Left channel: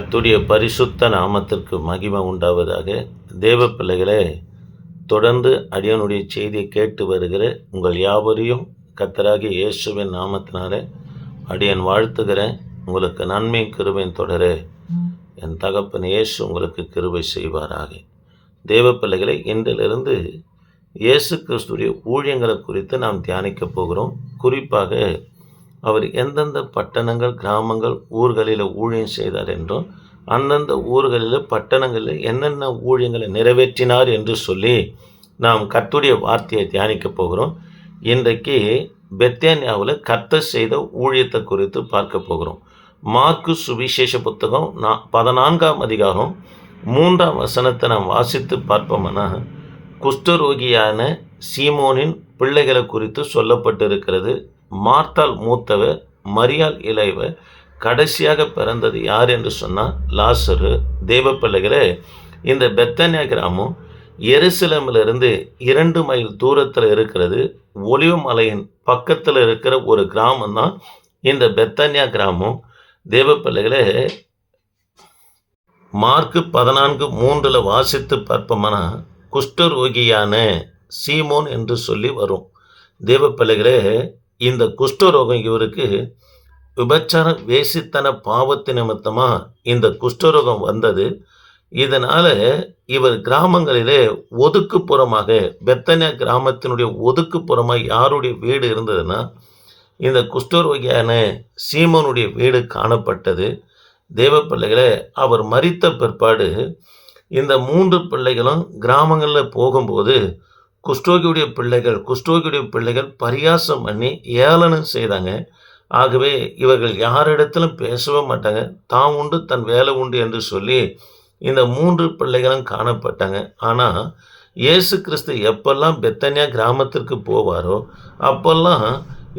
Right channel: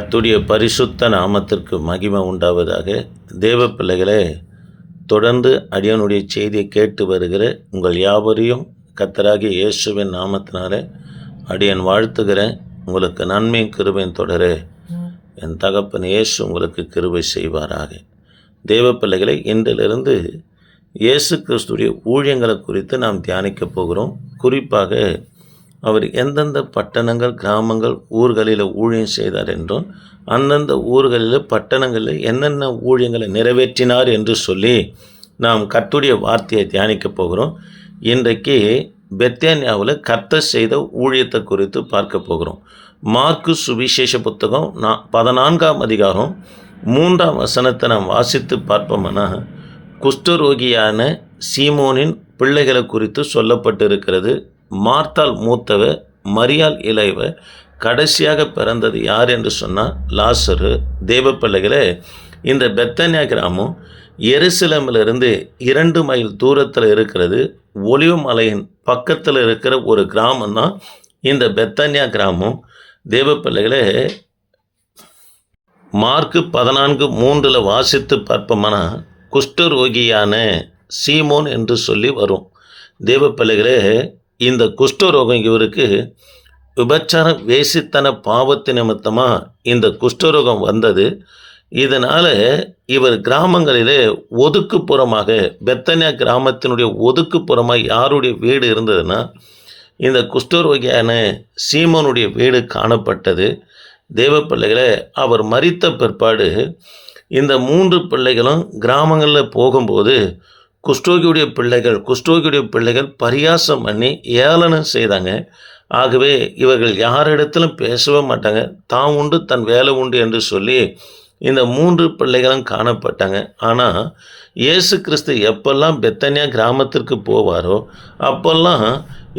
அத்துடைய பரிசுத்த நாமத்திற்கு மகிமை உண்டாவதாக தேவ பிள்ளைகளே தொடர்ந்து அடியனுடைய செய்தியை கேட்டு வருகிற உங்கள் யாவரையும் கத்தராகிய இயேசுவின் நாமத்தினால அடியன் வாழ்த்துகிறேன் உங்களுக்கு நன்மை கிருபையும் தொடர. என் தகப்பன் இயேசு உங்களுக்கு கிருபை செய்வாராக. தேவ பிள்ளைகளை இன்றிலிருந்து இயேசு கிறிஸ்துடைய ஊழியங்களை குறித்து நாம் தியானிக்கப் போகிறோம். குறிப்பாக அவர் எந்தெந்த பட்டணங்கள் கிராமங்கள் ஊர்களில் ஊழியம் செய்தார் என்றும் அந்தந்த ஊர்களில் பட்டணங்களில் என்னென்ன ஊழியங்களை நிறைவேற்றினார் என்று சொல்லி நாம் கத்துடைய வார்த்தையை தியானிக்கப் போகிறோம். இன்றைக்கு பெத்தேனியாவில் கர்த்த செய்த ஊழியத்தை குறித்து பார்க்க போகிறோம். மார்க்கு சுவிசேஷ புத்தகம் நான் பதினான்காம் அதிகாரம் மூன்றாம் வசனத்தை நாம் வாசித்து பார்ப்போம்னா குஷ்டரோகியான சீமோனின் பிள்ளைகளை குறித்து சொல்லப்பட்டிருக்கிறது. மார்த்தாள் மூத்தவ மரியாள் இளைவ கடைசியாக பிறந்தது யார் என்று சொன்னால் லாசரு. தேவ பிள்ளைகளே இந்த பெத்தனியா கிராமம் எருசலமிலிருந்து இரண்டு மைல் தூரத்தில் இருக்கிறது. ஒளிவு மலையின் பக்கத்தில் இருக்கிற ஒரு கிராமம் தான் இந்த பெத்தனியா கிராமம். தேவ பிள்ளைகளே மார்க்கு பதினான்கு மூன்றில் வாசித்து பார்ப்போம்னா குஷ்டரோகியான சீமோன் என்று சொல்லி வரும். தேவ பிள்ளைகளே இந்த குஷ்டரோகம் இவருக்கு விபச்சார வேசித்தன பாவத்து நிமித்தமாக இந்த குஷ்டரோகம் வந்தது. இதனால் இவர் கிராமங்களிலே ஒதுக்குப்புறமாக பெத்தனியா கிராமத்தினுடைய ஒதுக்குப்புறமாக யாருடைய வீடு இருந்ததுன்னா இந்த குஷ்டரோகியான சீமனுடைய வீடு காணப்பட்டது. தேவ பிள்ளைகளை அவர் மறித்த பிற்பாடு இந்த மூன்று பிள்ளைகளும் கிராமங்களில் போகும்போது குஷ்டோகியுடைய பிள்ளைகள் குஷ்டோகியுடைய பிள்ளைகள் பரியாசம் பண்ணி ஏளனம் செய்தாங்க. ஆகவே இவர்கள் யாரிடத்திலும் பேசவே மாட்டாங்க. தான் உண்டு தன் வேலை உண்டு என்று சொல்லி இந்த மூன்று பிள்ளைகளும் காணப்பட்டாங்க. ஆனால் இயேசு கிறிஸ்து எப்பெல்லாம் பெத்தனியா கிராமத்திற்கு போவாரோ அப்போல்லாம்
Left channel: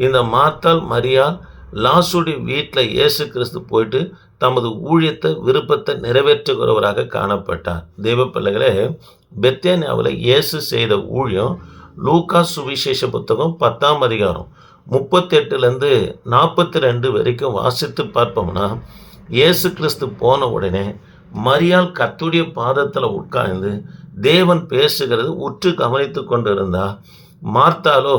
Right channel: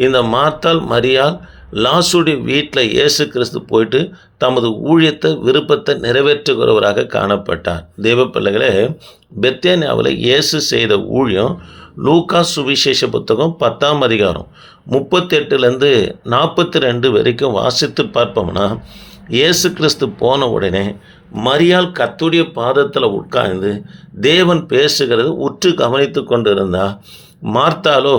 இந்த மாத்தாள் மரியால் லாசுடைய வீட்டில் இயேசு கிறிஸ்து போயிட்டு தமது ஊழியத்தை விருப்பத்தை நிறைவேற்றுகிறவராக காணப்பட்டார். தேவ பிள்ளைகளே பெத்தேனியாவில் இயேசு செய்த ஊழியம் லூக்கா சுவிசேஷ புத்தகம் பத்தாம் அதிகாரம் முப்பத்தெட்டுலேருந்து நாற்பத்தி ரெண்டு வரைக்கும் வாசித்து பார்ப்போம்னா இயேசு கிறிஸ்து போன உடனே மரியாள் கத்துடைய பாதத்தில் உட்கார்ந்து தேவன் பேசுகிறது உற்று கவனித்து கொண்டிருந்தா மார்த்தாலோ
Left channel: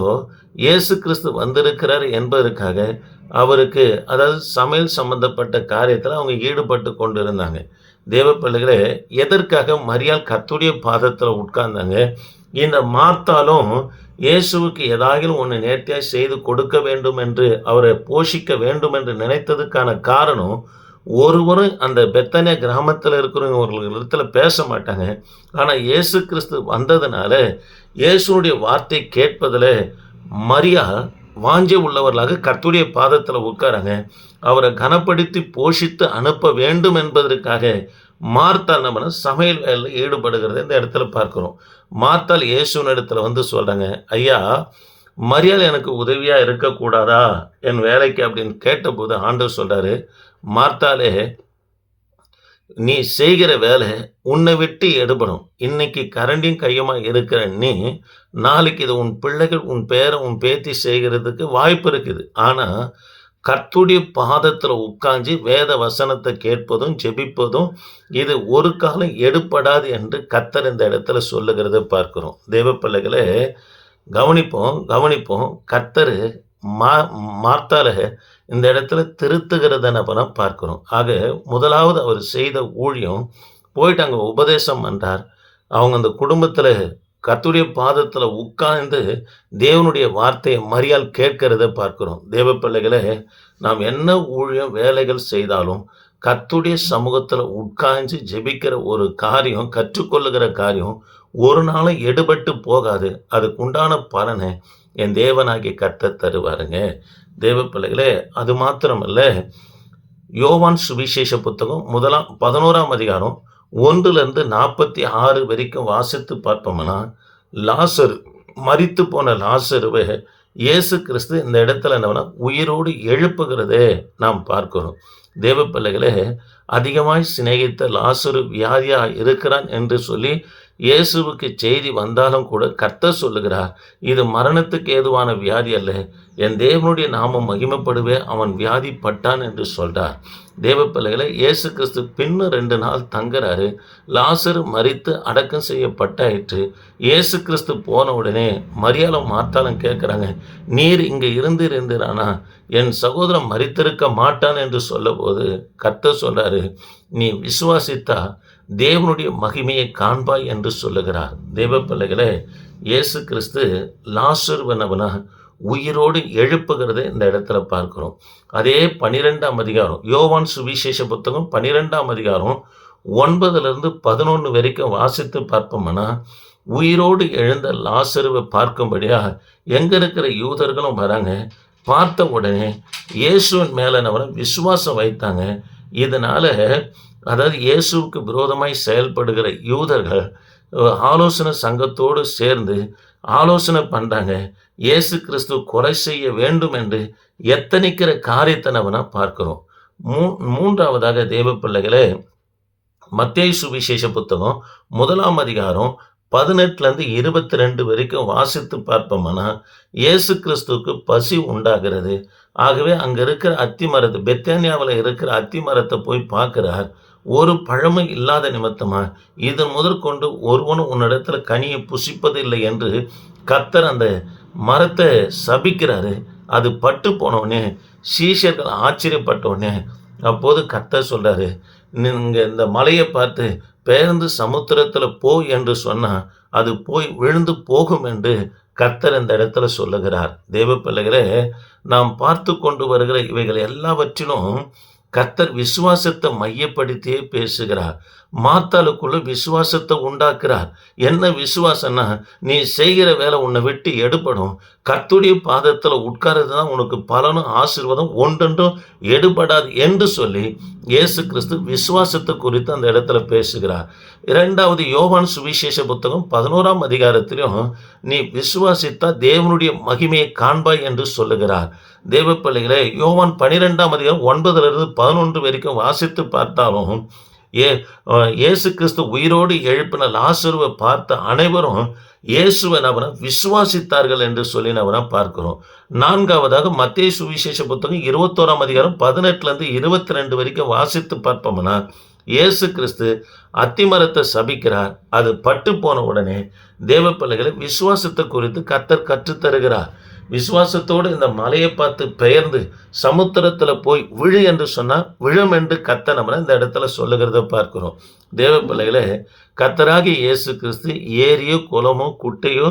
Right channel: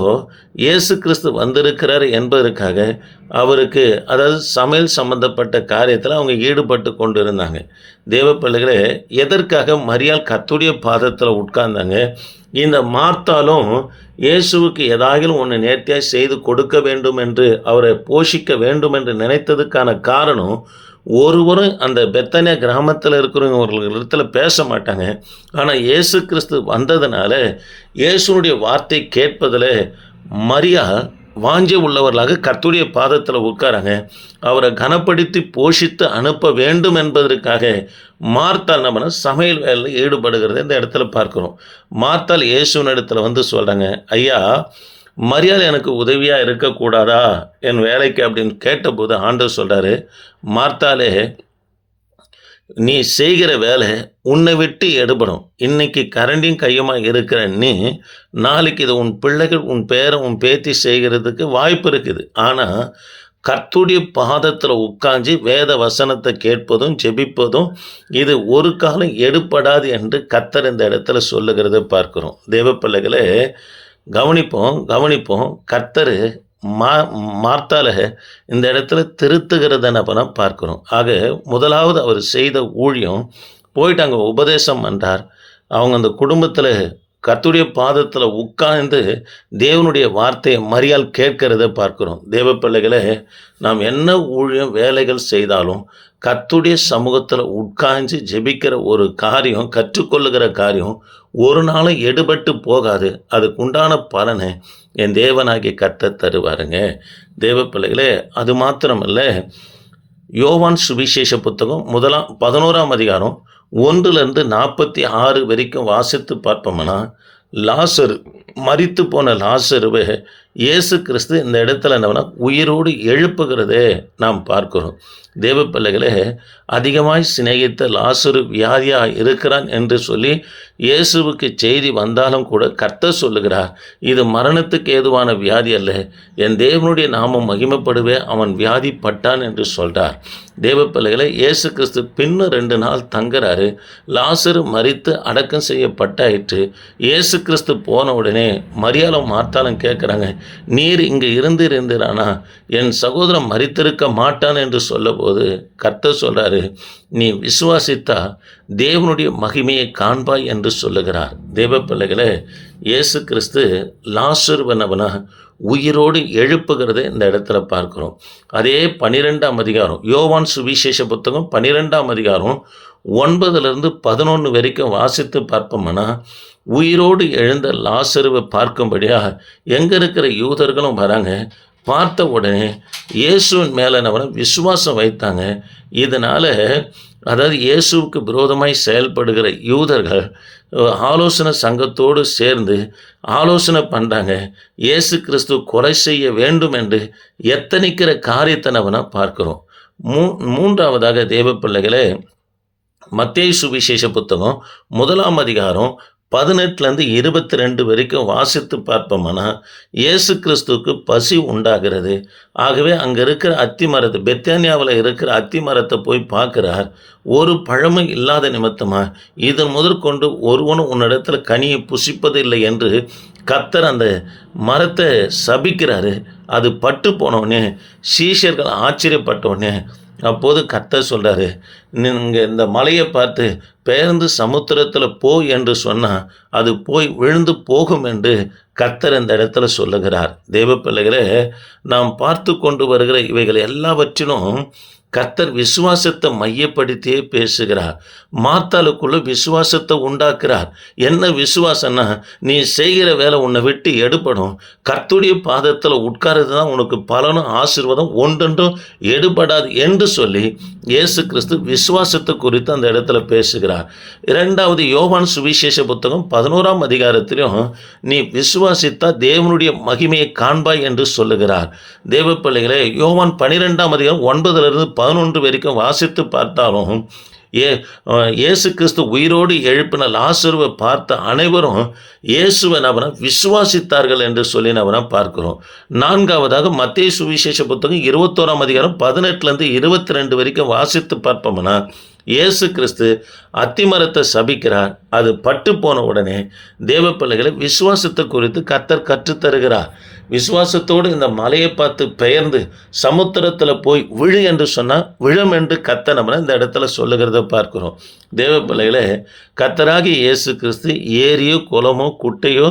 இயேசு கிறிஸ்து வந்திருக்கிறார் என்பதற்காக அவருக்கு அதாவது சமையல் சம்பந்தப்பட்ட காரியத்தில் அவங்க ஈடுபட்டு கொண்டு இருந்தாங்க தேவ பிள்ளைகளே எதற்காக மரியாள் கத்துடைய பாதத்தில் உட்கார்ந்தாங்க? இந்த மார்த்தாலும் இயேசுவுக்கு ஏதாகிலும் ஒன்று நேர்த்தியாக செய்து கொடுக்க வேண்டும் என்று அவரை போஷிக்க வேண்டும் என்று நினைத்ததுக்கான காரணம் ஒருவரும் அந்த பெத்தனியா கிராமத்தில் இருக்கிறவங்களிடத்தில் பேச மாட்டாங்க ஆனால் இயேசு கிறிஸ்து வந்ததுனால இயேசுனுடைய வார்த்தை கேட்பதில் மரியா வாஞ்சி உள்ளவர்களாக கர்த்துடைய பாதத்தில் உட்காராங்க. அவரை கனப்படுத்தி போஷித்து அனுப்ப வேண்டும் என்பதற்காக மார்த்தால் நம்ம சமையல் வேலையில் ஈடுபடுகிறத இந்த இடத்துல பார்க்குறோம். மார்த்தால் இயேசுவின் இடத்துல வந்து சொல்கிறாங்க ஐயா மரியாதை எனக்கு உதவியாக இருக்கக்கூடாதா? என் வேலைக்கு அப்படின்னு கேட்டபோது ஆண்டவர் சொல்கிறாரு மார்த்தாலே நீ செய்கிற வேலை உன்னை விட்டு எடுபடும். இன்னைக்கு கரண்டியும் கையுமா இருக்கிற நீ நாளைக்கு இது உன் பிள்ளைகள் உன் பேரை உன் பேத்தி செய்கிறதுக்கு வாய்ப்பு இருக்குது. ஆனால் கர்த்துடைய பாதத்தில் உட்காந்து வேத வசனத்தை கேட்பதும் ஜெபிப்பதும் இது ஒரு காலம் எடுப்படாது என்று கத்தர் இந்த இடத்துல சொல்லுகிறத பார்க்குறோம். தேவ பிள்ளைகளே கவனிப்போம் கவனிப்போம். கர்த்தர் மா மார்த்தால இந்த இடத்துல திருத்துகிறத நம்ம பார்க்குறோம். ஆக முதலாவது அவர் செய்த ஊழியம் போயிட்டு அங்கே உபதேசம் பண்ணுறார் அவங்க அந்த குடும்பத்தில் கத்துடைய பாதத்தில் உட்கார்ந்து தேவனுடைய வார்த்தையை மரியால் கேட்கிறத பார்க்குறோம். தேவ பிள்ளைகளை நாம் என்ன ஊழியம் வேலைகள் செய்தாலும் கத்துடைய சமூகத்தில் உட்காந்து ஜெபிக்கிற ஒரு காரியம் கற்றுக்கொள்ளுகிற காரியம் ஒரு நாளும் எடுபட்டு போகாது. அதுக்கு உண்டான பலனை என் தேவனாகி கத்த தருவாருங்க. தேவ பிள்ளைகளே அது மாத்திரமல்ல. யோவான் சுவிசேஷ புத்தகம் முதலாம் பதினோராம் அதிகாரம் ஒன்றுலேருந்து நாற்பத்தி ஆறு வரைக்கும் வாசித்து பார்ப்போம்னா லாசரு மறித்து போன லாசருவை இயேசு கிறிஸ்து இந்த இடத்துல என்னன்னா உயிரோடு எழுப்புகிறதே நாம் பார்க்கிறோம். தேவ பிள்ளைகளே அதிகமாய் சிநேகித்த லாசுரு வியாதியாக இருக்கிறான் என்று சொல்லி இயேசுவுக்கு செய்தி வந்தாலும் கூட கர்த்தர் சொல்லுகிறார் இது மரணத்துக்கு ஏதுவான வியாதி அல்ல. என் தேவனுடைய நாமம் மகிமைப்படுவே அவன் வியாதி பட்டான் என்று சொல்கிறார் தேவ பிள்ளைகளை இயேசு கிறிஸ்து பின்னும் ரெண்டு நாள் தங்குறாரு. லாசரு மறித்து அடக்கம் செய்யப்பட்டாயிற்று. இயேசு கிறிஸ்து போன உடனே மரியாதை மாத்தாலும் கேட்குறாங்க நீர் இங்கே இருந்து என் சகோதரன் மறித்திருக்க மாட்டான் என்று போது கர்த்தர் சொல்கிறாரு நீ விசுவாசித்தா தேவனுடைய மகிமையை காண்பாய் என்று சொல்லுகிறார். தேவ பிள்ளைகளை இயேசு கிறிஸ்து லாசுருவனவனா உயிரோடு எழுப்புகிறதை இந்த இடத்துல பார்க்குறோம். அதே பனிரெண்டாம் அதிகாரம் யோவான் சுவிசேஷ புத்தகம் பனிரெண்டாம் அதிகாரம் ஒன்பதுலேருந்து பதினொன்று வரைக்கும் வாசித்து பார்ப்போம்னா உயிரோடு எழுந்த லாசருவை பார்க்கும்படியாக எங்கே இருக்கிற யூதர்களும் வராங்க பார்த்த உடனே இயேசுவின் மேலே அவனை விசுவாசம் வைத்தாங்க. இதனால் அதாவது இயேசுவுக்கு விரோதமாய் செயல்படுகிற யூதர்கள் ஆலோசனை சங்கத்தோடு சேர்ந்து ஆலோசனை பண்ணுறாங்க இயேசு கிறிஸ்து கொலை செய்ய வேண்டும் என்று எத்தனைக்கிற காரியத்தை நம்ம மூ மூன்றாவதாக தேவ பிள்ளைகளை மத்திய சுவிசேஷ புத்தகம் முதலாம் அதிகாரம் பதினெட்டுலேருந்து இருபத்தி ரெண்டு வரைக்கும் வாசித்து பார்ப்போம்னா இயேசு கிறிஸ்துவுக்கு பசி உண்டாகிறது. ஆகவே அங்கே இருக்கிற அத்தி மரத்தை பெத்தானியாவில் இருக்கிற அத்தி மரத்தை போய் பார்க்குறார். ஒரு பழமும் இல்லாத நிமித்தமாக இதன் முதற்கொண்டு ஒருவனும் உன்னிடத்தில் கனியை புசிப்பதில்லை என்று கத்தர் அந்த மரத்தை சபிக்கிறாரு. அது பட்டு போனவுடனே சீஷர்கள் ஆச்சரியப்பட்டவுடனே அப்போது கத்தர் சொல்கிறாரு நீங்கள் இந்த மலையை பார்த்து பேருந்து சமுத்திரத்தில் போ என்று சொன்னால் அது போய் விழுந்து போகும் என்று கத்தர் இந்த இடத்துல சொல்லுகிறார். தேவ பிள்ளைகளே நாம் பார்த்து கொண்டு வருகிற இவைகள் எல்லாவற்றிலும் கத்தர் விசுவாசத்தை மையப்படுத்தியே பேசுகிறார். மாத்தாளுக்குள்ள விசுவாசத்தை உண்டாக்குறார். என்ன விசுவாசம்னா நீ செய்கிற வேலை உன்னை விட்டு எடுப்படும் கத்துடைய பாதத்தில் உட்காரது தான் உனக்கு பலனும் ஆசீர்வாதம் ஒன்றொன்றும் எடுபடாது என்று சொல்லி இயேசு கிறிஸ்து விசுவாசத்தை குறித்து அந்த இடத்துல பேசுகிறார். இரண்டாவது யோவான் சுவிசேஷ புத்தகம் பதினோராம் அதிகாரத்திலும் நீ விசுவாசித்தா தேவனுடைய மகிமையை காண்பாய் என்று சொல்லுகிறார். தேவ பிள்ளைகளே யோவான் பனிரெண்டாம் அதிகாரம் ஒன்பதுலேருந்து பதினொன்று வரைக்கும் வாசித்து பார்த்தாலும் ஏ இயேசு கிறிஸ்து உயிரோடு எழுப்பின லாசருவை பார்த்த அனைவரும் இயேசுவை அவனை விசுவாசித்தார்கள் என்று சொல்லி அவனை பார்க்கிறோம். நான்காவதாக மத்திய சுவிசேஷ புத்தகம் இருபத்தோராம் அதிகாரம் பதினெட்டுலேருந்து இருபத்தி ரெண்டு வரைக்கும் வாசித்து பார்ப்போம்னா இயேசு கிறிஸ்து அத்திமரத்தை சபிக்கிறார். அது பட்டு போன உடனே தேவ பிள்ளைகளை விசுவாசத்தை குறித்து கத்தர் கற்றுத்தருகிறார். விசுவாசத்தோடு இந்த மலையை பார்த்து பெயர்ந்து சமுத்திரத்தில் போய் விழு என்று சொன்னால் விழும் என்று கத்த நம்ம இந்த இடத்துல சொல்லுகிறத பார்க்கிறோம். தேவ பிள்ளைகளே கத்தராகி இயேசு கிறிஸ்து ஏரியோ குளமோ குட்டையோ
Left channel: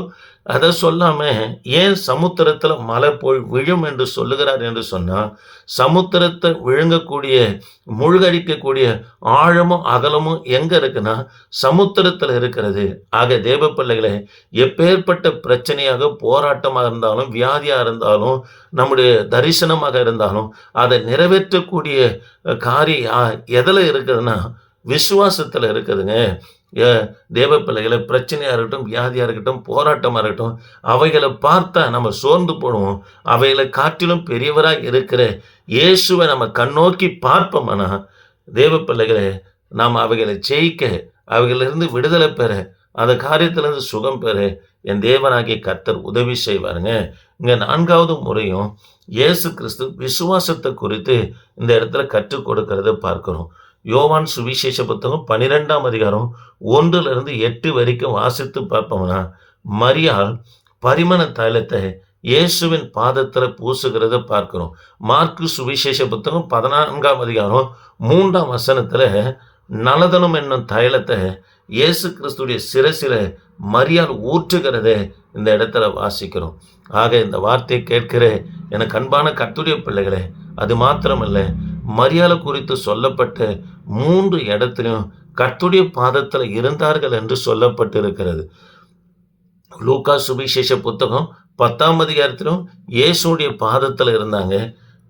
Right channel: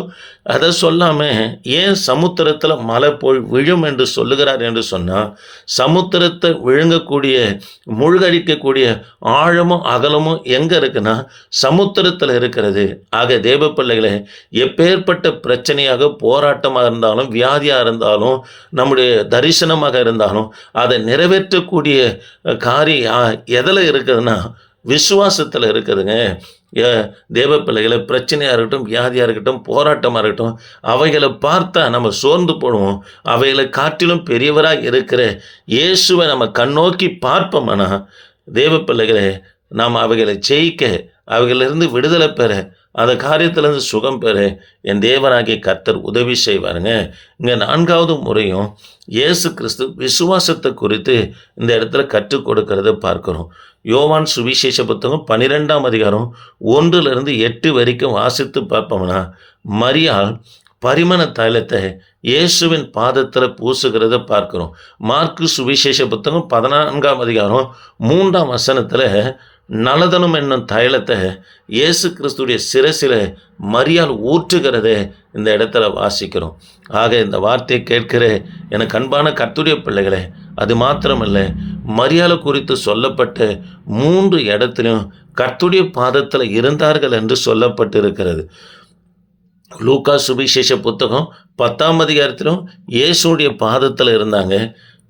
அதை சொல்லாமல் ஏன் சமுத்திரத்தில் மலை போய் விழும் என்று சொல்லுகிறார் என்று சொன்னால் சமுத்திரத்தை விழுங்கக்கூடிய முழுகடிக்கக்கூடிய ஆழமும் அகலமும் எங்கே இருக்குன்னா சமுத்திரத்தில் இருக்கிறது. ஆக தேவ பிள்ளைகளே எப்பேற்பட்ட பிரச்சனையாக போராட்டமாக இருந்தாலும் வியாதியாக இருந்தாலும் நம்முடைய தரிசனமாக இருந்தாலும் அதை நிறைவேற்றக்கூடிய காரியம் எதில் இருக்குதுன்னா விசுவாசத்தில் இருக்குதுங்க. தேவ பிள்ளைகளை பிரச்சனையாக இருக்கட்டும் வியாதியாக இருக்கட்டும் போராட்டமாக இருக்கட்டும் அவைகளை பார்த்தா நம்ம சோர்ந்து போடுவோம். அவைகளை காட்டிலும் பெரியவராக இருக்கிற இயேசுவை நம்ம கண்ணோக்கி பார்ப்போம்னா தேவ பிள்ளைகளை நாம் அவைகளை ஜெயிக்க அவைகளிலிருந்து விடுதலை பெற அந்த காரியத்திலிருந்து சுகம் பெற என் தேவனாகிய கர்த்தர் உதவி செய்வாருங்க. இங்கே நான்காவது முறையும் இயேசு கிறிஸ்து விசுவாசத்தை குறித்து இந்த இடத்துல கற்றுக் கொடுக்கறத பார்க்குறோம். யோவான் சுவிசேஷ புத்தகம் பன்னிரெண்டாம் அதிகாரம் ஒன்றுலேருந்து எட்டு வரைக்கும் வாசித்து பார்ப்போம்னா மரியாள் பரிமண தைலத்தை இயேசுவின் பாதத்தில் பூசுகிறத பார்க்குறோம். மார்க்கு சுவிசேஷ புத்தகம் பதினான்காம் அதிகாரம் மூன்றாம் வசனத்தில் நலதனம் என்னும் தைலத்தை இயேசு கிறிஸ்துடைய சிரசில் மரியால் ஊற்றுகிறதை இந்த இடத்துல வாசிக்கிறோம். ஆக இந்த வார்த்தையை கேட்கிற எனக்கு அன்பான கத்துடைய பிள்ளைகளே அது மாத்திரமல்ல மரியாதை குறித்து சொல்லப்பட்ட மூன்று இடத்திலும் கர்த்துடைய பாதத்தில் இருந்தார்கள் என்று சொல்லப்பட்டிருக்கிறது. லூக்கா சுவிசேஷ புத்தகம் பத்தாம் அதிகாரத்திலும் இயேசுடைய பாதத்தில் இருந்தாங்க.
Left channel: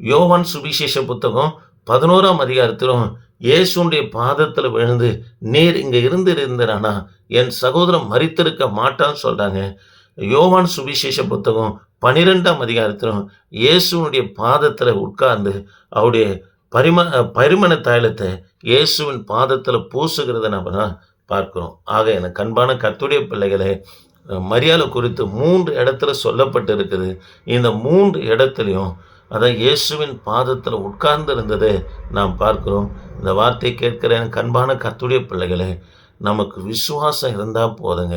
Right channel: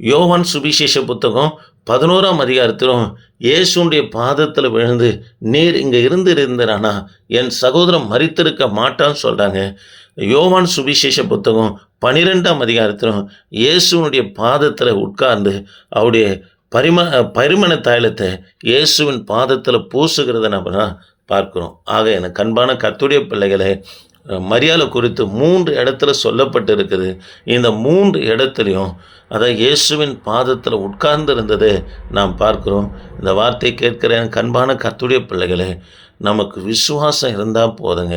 யோவான் சுவிசேஷ புத்தகம் பதினோராம் அதிகாரத்திலும் இயேசுடைய பாதத்தில் விழுந்து நீர் இங்கே இருந்து இருந்தானா என் சகோதரன் மறித்திருக்க மாட்டான்னு சொல்கிறாங்க யோவான் சுவிசேஷ புத்தகம் பனிரெண்டாம் அதிகாரத்திலும் இயேசுனுடைய பாதத்தில் உட்கார்ந்து அவருடைய பரிம பரிமண தைலத்தை இயேசுவின் பாதத்தில் பூசுகிறத நம்ம பார்க்குறோம். ஆக எனக்கு அன்பான கத்துடைய பிள்ளைகளை மரியாதை குறித்து மூன்று இடத்துல சொல்லப்பட்டு இருக்குது இந்த மூன்று இடத்துலையும் அதான் இயேசுவின் பாதத்தில் உட்கார்ந்து இருந்ததை நாம் பார்க்கிறோம். இந்த வார்த்தை கேட்கிற கண்பான கத்துடைய பிள்ளைகளே நமக்கு விசுவாசம் இருந்தால் போதுங்க.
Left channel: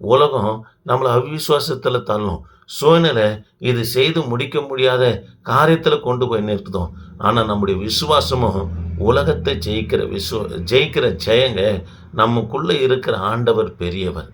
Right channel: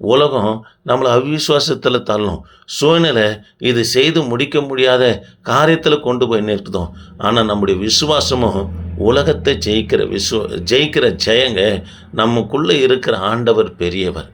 உலகம் நம்மளை அவிசுவாசத்தில் தள்ளும். சூழ்நிலை இது செய்து முடிக்க முடியாத காரியத்தில் கொண்டு போய் நிறுத்தும் ஆனால் நம்முடைய விசுவாசமும் உலகத்தை ஜெயிக்கிற விசுவ ஜெயிக்கிற ஜெயங்க நமக்குள்ளே இருக்கிற ஆண்டவர் பெரியவர்.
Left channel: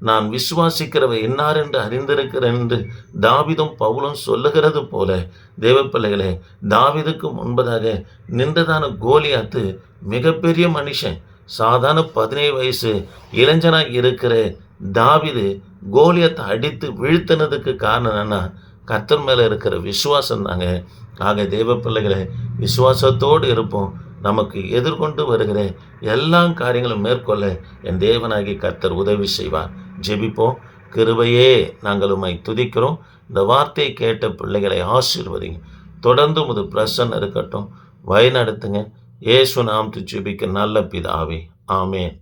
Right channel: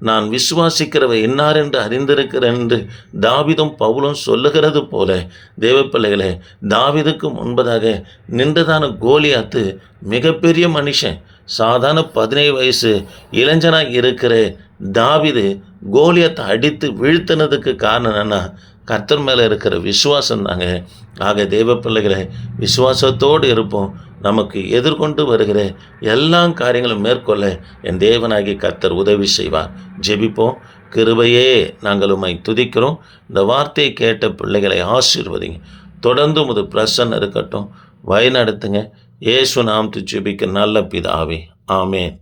நான் விசுவாசிக்கிறவர் என்னார் என்று அறிந்திருக்கிறேன் என்று தாவிதும் பவுலும் சொல்லுகிறது போல. தேவப்பிள்ளைகளே தாவிதுக்கு முன்பதாக நின்றதான கோலியாத்து மிகப்பெரிய மனுஷன் சாதாரண பதினேழு வயசு இளைஞனாக இருக்கிற தாவிது கோலியத்தை அடித்து வீழ்த்தினதுக்கு காரணம் என்னன்னா கர்த்தர் மேலே இருக்கிற விசுவாசம் தாங்க ஆக தேவ பிள்ளைகளை விசுவாசத்தோடு இருப்போம். நமக்கு எதிர்கொண்டு வருகிற எல்லா காரியங்களும் மேற்கொள்ள என் தேவனாகி கர்த்தர் உதவி செய்வார். ஜெபிப்போம். கிருபையே நாங்கள் உம்மை துதிக்கிறோம். இந்த வார்த்தையை கேட்ட பிள்ளைகளை ஆசீர்வதிங்க. தொடர்ந்து முது பிரசன்ன இருக்கட்டும். வழிநடத்துங்க. ஏசு நாம் ஜெபிக்க நல்ல பிதாவே. ஆமேன்.